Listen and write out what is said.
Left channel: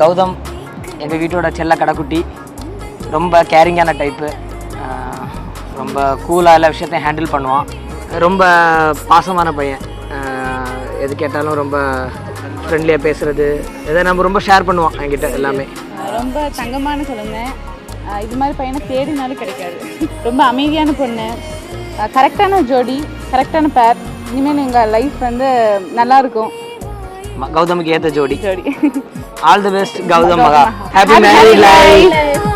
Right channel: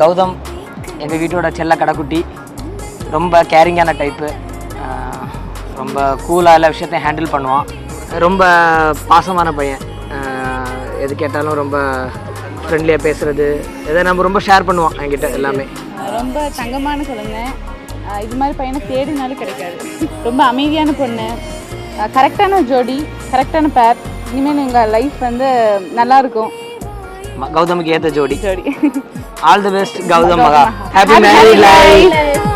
கௌதம் எங்கள் வீட்டோட செல்ல கடைக்குட்டி, ரொம்ப கேரிங்கான டைப்பு, ரொம்ப கூலாக எல்லா விஷயத்தையும் ஹேண்டில் பண்ணுவான், ரொம்ப பாசமான பையன், எது கேட்டாலும் ரொம்ப ஃப்ரெண்ட்லியாக பேசுகிறது, எதை நம்ம ரொம்ப ஷேர் பண்ணுவான் என்கிட்ட எல்லாமே. ரொம்ப தங்கமான குழந்தை, இது மாதிரி பையனை தேடினாலும் கிடைக்காது. ரொம்ப அமைதியான பொண்ணு, கரெக்டான ஜோடி, கரெக்டான பேர். இனிமேல் எங்கள் லைஃப் வந்து நல்லாயிருக்கும். கௌதமுக்கு ஏற்ற ஜோடி. ஆல் தி பெஸ்ட் கௌதம் மகா. Happy married life.